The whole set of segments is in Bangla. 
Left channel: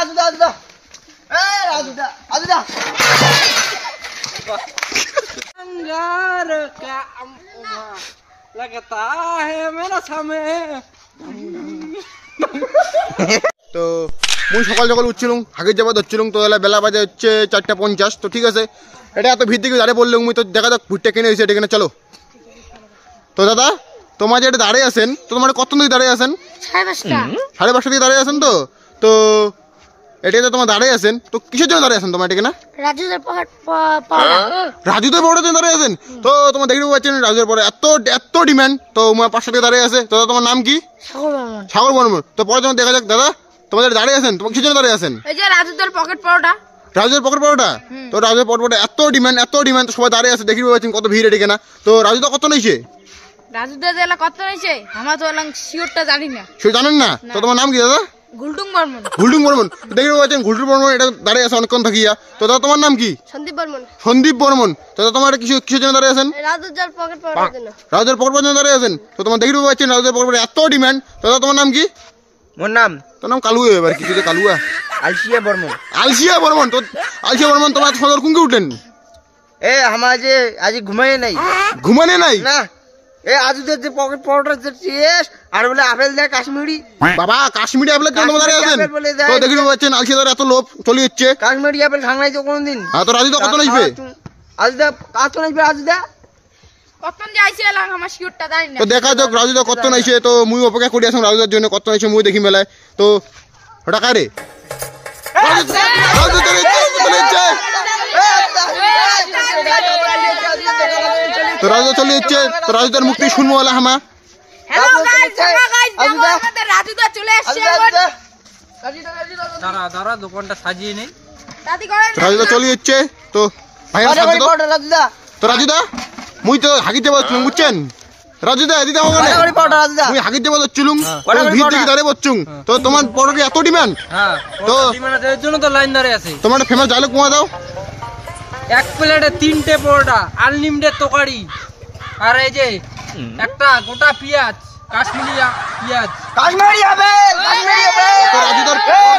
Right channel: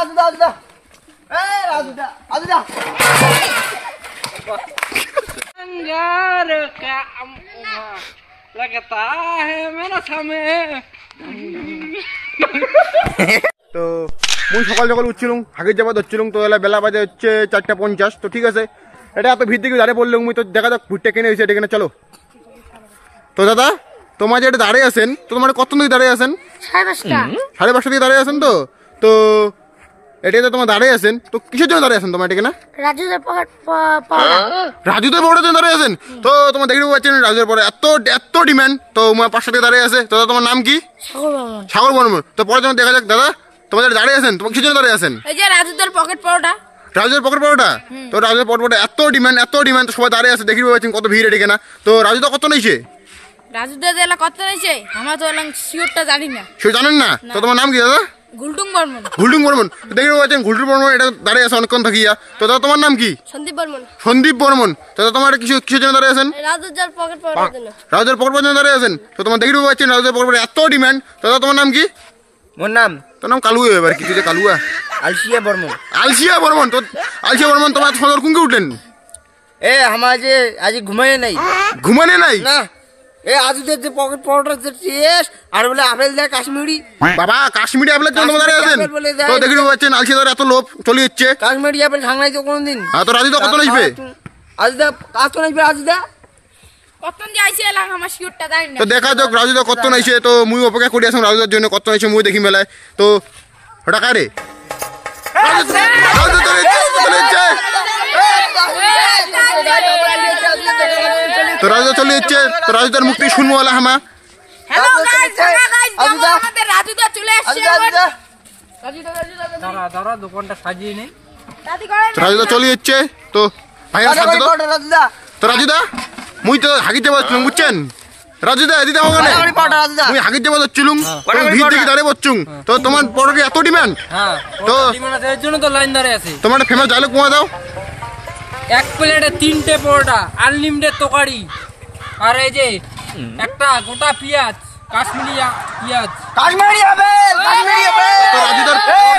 আজুদা আজুদা अंगार का लगता है मेरा समय। তো মুই সকাল সকাল উঠছিলাম, হাগির যাবার ধরছিলাম, তো এলা বেলা বাজে হচ্ছে 4:50। তো ঠিক আছে, এটা এত ভিড় দিকে দাঁড়িয়ে বললাম মুই, তো দেখা যাক ভুট্টা কিনে হয়েছে এটা কিনে চলো। তো দাদা তোমার যে এটা দাঁড়িয়ে আছেন, তো তোমার কত দিকে দাঁড়িয়ে আছেন? 5:30 দিকে দাঁড়িয়ে আছেন। তো তো এটা তো তোমার দাঁড়িয়ে আছেন, তো কিসের জন্য দাঁড়িয়ে আছেন তোমার এটা কিনা? রাজুদের পকেটের জন্য দাঁড়িয়ে আছেন। তো তোমার দেখতে পাচ্ছেন রাজুদের পরে এত ডিমান্ড, তো 500 টাকা দাঁড়িয়ে আছে। তো দাদা তোমার নাম কি? সাগর বর্মন। তো পরে তোমার দেখা যাক দাদা তোমাদের দাঁড়িয়ে আছেন, তোমার কিসের জন্য দাঁড়িয়ে আছেন? এই যে রাজুদের পকেট পরোটা। রাজুদের পকেট পরোটা। তো রাজুদের পকেট পরোটা এত ডিমান্ড, তো সবাই দাঁড়িয়ে আছে, দেখতে পাচ্ছেন কত ভিড় এটা কিনা। তো রাজুদা কত নিয়েছে? রাজুদের জেলা কত নিয়েছে আমরা তো শিওরটা জানি না। সে জানেন না? তো তোমার নাম কি দাদা? গুলটুং বর্মন। দেখতে পাচ্ছেন গুলটুং বর্মন এটা দাঁড়িয়ে আছে অনেকক্ষণ থাকিয়া। তো দাদা তোমার নাম কি? সন্দীপ বর্মন। তো দাদা তোমার কিসের জন্য দাঁড়িয়ে আছেন? রাজুদের পকেট পরোটার জন্য দাঁড়িয়ে আছেন। তো তোমার দেখতে পাচ্ছেন রাজুদের পকেট পরোটা এত ডিমান্ড। তো দাদা তোমার নাম কি? মোর নাম তোর নাম কালুয়া, এবার কিছু কালুয়া আলসিয়া বর্মন। তো আলসিয়া বর্মন তোমার সদর কুঙ্কে উঠলেন? আমার যে আজ ঘুমায় নাই না। আজুদের যে পকেট পরোটার যে টেস্ট, আর বলে আপেল দেয় কাশ্মীরি। বাবা কাশ্মীরি আপেলের জন্য দাঁড়িয়ে আছেন। তো দেখতে পাচ্ছেন আলসিয়ার এত লোভ চলে যাচ্ছে। কাশ্মীরি আপেল খাই তো কোনদিন। তো রাজুদা কত নিবে? আজুদা কাজ তো নিবে। আজুদা কত যাইছে এলাকা আমার শিওরটা জানি না। তো দেখা যাক রাজুদা কত নাইছে। তো মুই অপেক্ষা করি আছি রাজুদার জন্য কত নাইছে মুই দেখি মেলায়। তো ওটা কারে? তো রাজুদা চলে যাচ্ছে। তো রাজুদার মুক্তি শুনবো বলা হামা। হ্যালো গাইস, আমাদের রাজুদা চলে এসেছে। দাঁড়া দোকানটা সাজিয়ে নেই। রাজুদা চলে যাচ্ছে। তো ভাইয়া সাজে তো রাজুদা মুই তো হাগির যাবো বুঝছেন? রাজুদা দিদা ওখানে মুই হাগির যাবো যাচ্ছিলুম, তুমি ভিড় দিকে দাঁড়িয়ে বসছুম। তো তোমার পরোটা এত ডিমান্ড। তো এর জন্য তো লাইন দাঁড়িয়ে আছে। তোমার ফেমাস ডায়লগ কোয়া দাও। এক প্লেটে 3টে পরোটা, আনলিমিটেড তরকারি, আর এই যে একটা গোটা পেঁয়াজ, কাশ্মীরি পেঁয়াজ। তো রাজুদার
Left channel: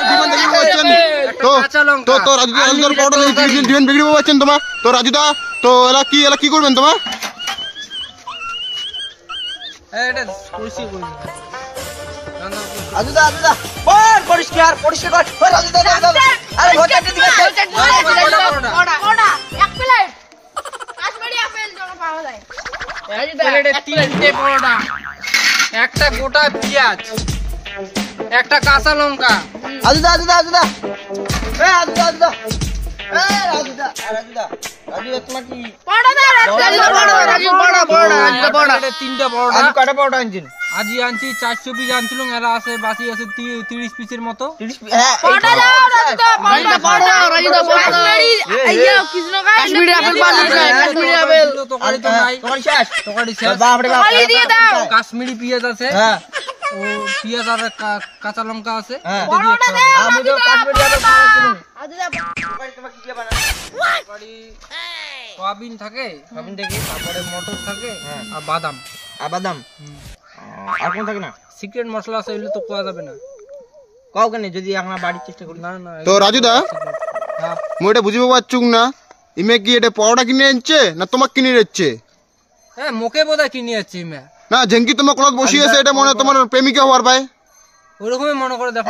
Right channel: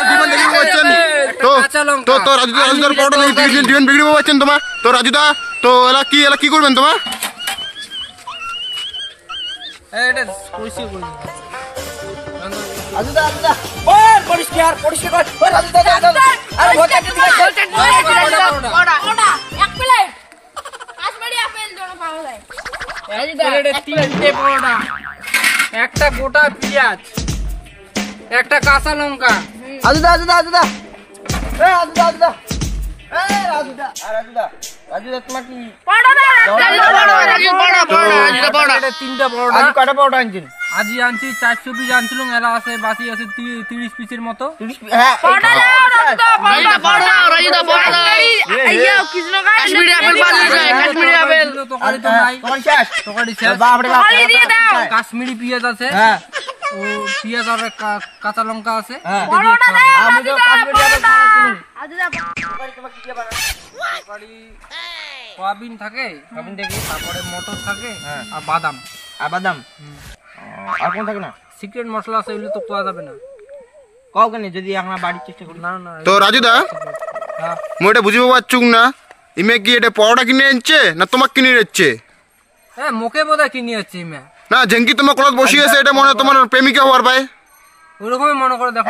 ডিমান্ড দেখে পাচ্ছেন। তো রাজুদার পরোটা ডিমান্ড বিক্রি পাচ্ছেন তোমার। তো রাজুদা তো এলা কি করবেন তোমার? এটা পরিষ্কার কর। আরে ভোটারটি দিকে এক প্লেট কাশ্মীরি আপেল জন্য পাওয়া যায়। এক প্লেটে 3টে পরোটা, একটা গোটা পেঁয়াজ, একটা কাঁচা লঙ্কা। আজুদা তোমার কি তিনটা পরোটা। কটা পরোটা আনছেন? আজি আনছি 400 পিস আনছিলাম, এরা আছে বাকি আছে 30 পিসের মতো। কাশ্মীরি পেঁয়াজ আছে, ও পেঁয়াজ আর কাঁচা লঙ্কা আছে। সয়াবিন থাকে, সয়াবিন থেকে তারপরে মটর থাকে আর বাদাম। আর কোন থাকে না? সিক্রেট মশলা আছে, এগুলো তো পাওয়া যাবে না। কাউকে নেই যদি আমরা বাড়ির চেষ্টা করি। না তো রাজুদা মুই এটা বুঝিব পারছুক না, ইমে কি এটা পরোটা কিনে আনছে না তোমাকে কিনে যাচ্ছে? হ্যাঁ মোকে বোধহয় কিনে যাচ্ছি ইমে। না জেঙ্কি তোমার কলত বসিয়েছে, এটা মনে তোমার প্রেমিকা হওয়ার পায়। ওরকমই মনে করে দেখো।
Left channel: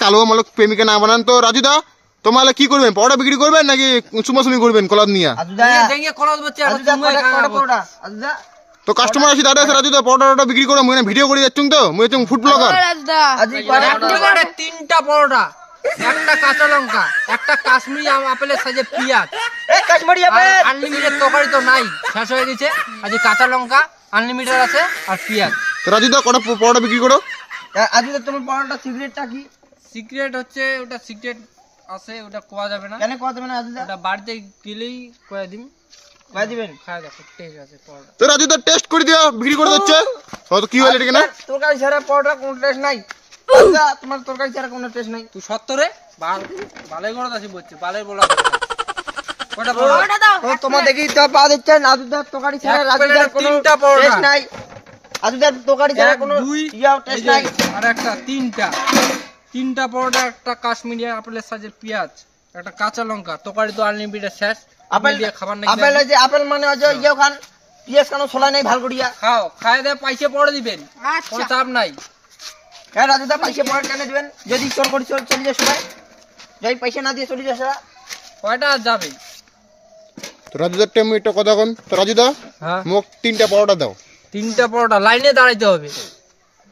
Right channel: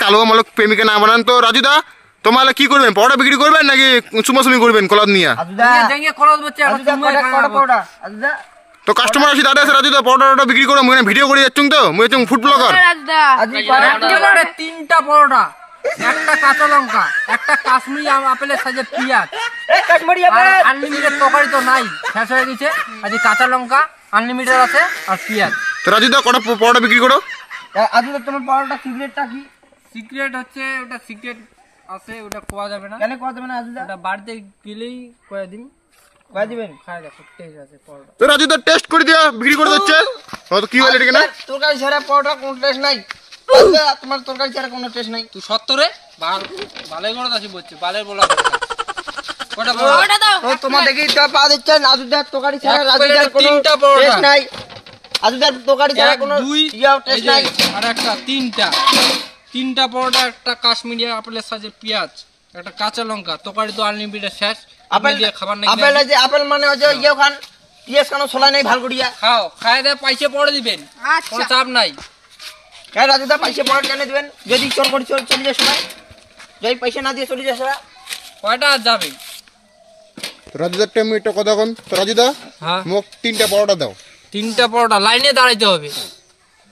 কালো মালক প্রেমিকা না বানান। তো রাজুদা তোমার কি করবেন? পরোটা বিক্রি করবেন নাকি চুমাচুমি করবেন কলাদ নিয়ে? তো কাস্টমার আসি দাঁড়িয়ে আছে রাজুদা, পরোটা বিক্রি করে মুই ভিডিও করে যাচ্ছুম। তো মুই হচ্ছুম ফুড ব্লগার। 3টা পরোটা, একটা কাঁচা লঙ্কা, একটা কাশ্মীরি আপেলের সাইজে পেঁয়াজ, আনলিমিটেড তরকারি তো নাই, শেষ হয়ে গেছে। আজ কাঁচা লঙ্কা আনলিমিটেড আছে আর পেঁয়াজ। তো রাজুদা কটা পরোটা বিক্রি করো? তোমার পরোটা সিক্রেটটা কি? সিক্রেট হচ্ছে ওটা সিক্রেট আছে, ওটা কোয়া যাবে না। কেন কোয়া যাবে না? ওটা বাড়িতে গেলেই কয়ে দিন, কয়ে দিবেন। খায় দেখো টেস্ট আছে পরোটা। তো রাজুদা টেস্ট করে দিয়া বিক্রি করে দিচ্ছে। তো কি হলো এটা কিনা? তরকারি ছাড়া পরোটা কোনো টেস্ট নাই। তোমার তরকারি ছাড়া কোনো টেস্ট নাই। তুই সত্তরে ভালোই করে দাসি বলছে, ভালোই বলা কটা পরোটা দাও। তোমার দেখি তো পা দিচ্ছে রাজুদার তরকারি ছাড়া। রাজুদার 3টা পরোটা টেস্ট নাই। রাজুদার তরকারি ছাড়া কোনো দুই টেস্ট নাই। আর একটা 3টা 3টা পরোটা, একটা কাশ্মীরি আপেলের সাইজের পেঁয়াজ, একটা কাঁচা লঙ্কা, তরকারি তো আনলিমিটেড শেষ। আপেল দিয়ে খাবার নাকি আপেল আছে, আপেল মানে হচ্ছে ইয়ে খান, পিয়াজ খানো ছোলা নাই ভাল করিয়া। খাও, খাই দিয়ে পয়সা পড়ে দিবেন, কোনো চাপ নাই। হ্যাঁ রাজুদা পয়সা পড়ে টেনে দিবেন, যদি চোর করে চলে যায় সবাই, যদি পয়সা না দিয়ে চলে যায় সবাই। কয়টা আর যাবে? তো রাজুদার টাইম একটা কথা কোন, তো রাজুদা হ্যাঁ, মোক 3টা পরোটা দাও। 3টা পরোটা লাইনে দাঁড়াইতে হবে।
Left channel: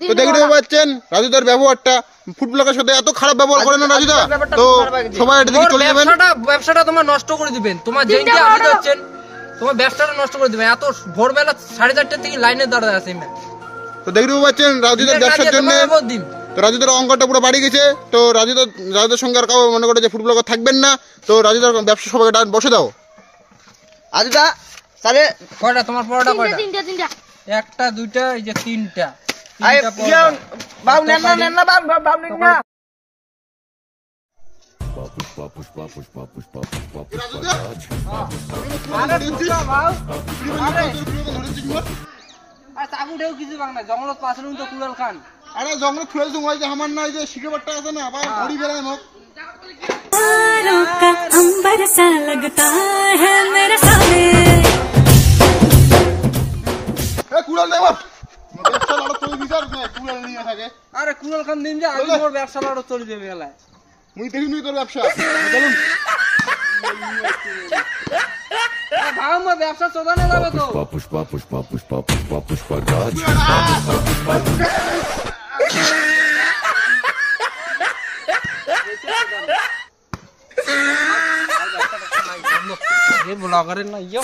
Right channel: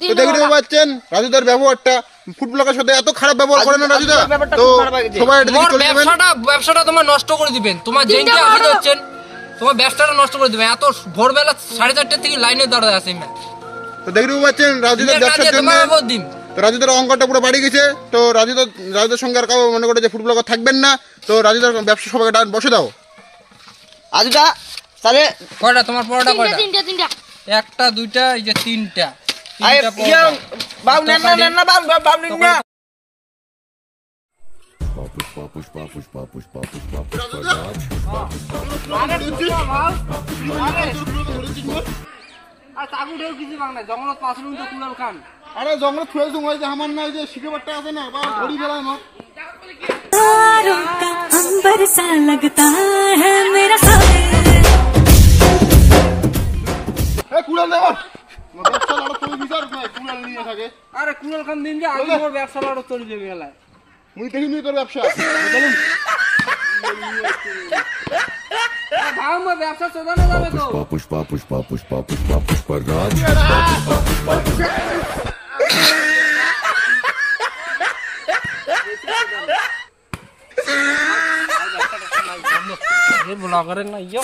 তো দেখতে পাচ্ছেন রাজুদার ব্যবহারটা, ফুড ব্লগের সাথে এত খারাপ ব্যবহার করে না রাজুদা। তো সবাই এটা দেখে তোমার চলে যাবেন। ব্যবসাটা তোমার নষ্ট করে দিবেন, তোমার যেইটা আসি যাচ্ছেন তোমার ব্যবসাটা নষ্ট করে দিবেন। এত ভোরবেলা 4:30 থেকে লাইনে দাঁড়ায় আছে। তো দেখতে পাচ্ছেন রাজুদার ব্যবসার জন্য তো রাজুদার অঙ্কটা পুরো বাড়ি গেছে। তো রাজুদার সঙ্গে আর কাউ মনে করে যে ফুড ব্লগার থাকবেন না। তো রাজুদার ব্যবসা সবাইকে বসে দাও। রাজুদা তাহলে কয়টা তোমার পরোটা? কয়টা? 3টা। একটা, 2টা, এই যে 3টা। আরে 3টা পরোটা। বাউ নেন না বাউ নিন না। জঙ্গলত পাশে তো কুড়াল খান। আরে জঙ্গল ফুয়েল জঙ্গল যে আমার না, এই যে শিকেবারটা আছে না, বা ঘড়ি ফেলায় মোক। तारों का अंबर सा लगता है मेरा सामने। এ কুড়াল দে বাপ, ব্যবসা লড়া চলে বিচার না, কুড়াল নিয়ে থাকে। আরে কুড়াল খান দিন যে আগে মোর ব্যবসা লড়ো চলে যাবে গেলায়। মুই দেখিনি তোর ব্যবসা। চলুন ভাই মোর ব্যবসা চোদানো যাবে তো। ব্লগারের না ইয়ে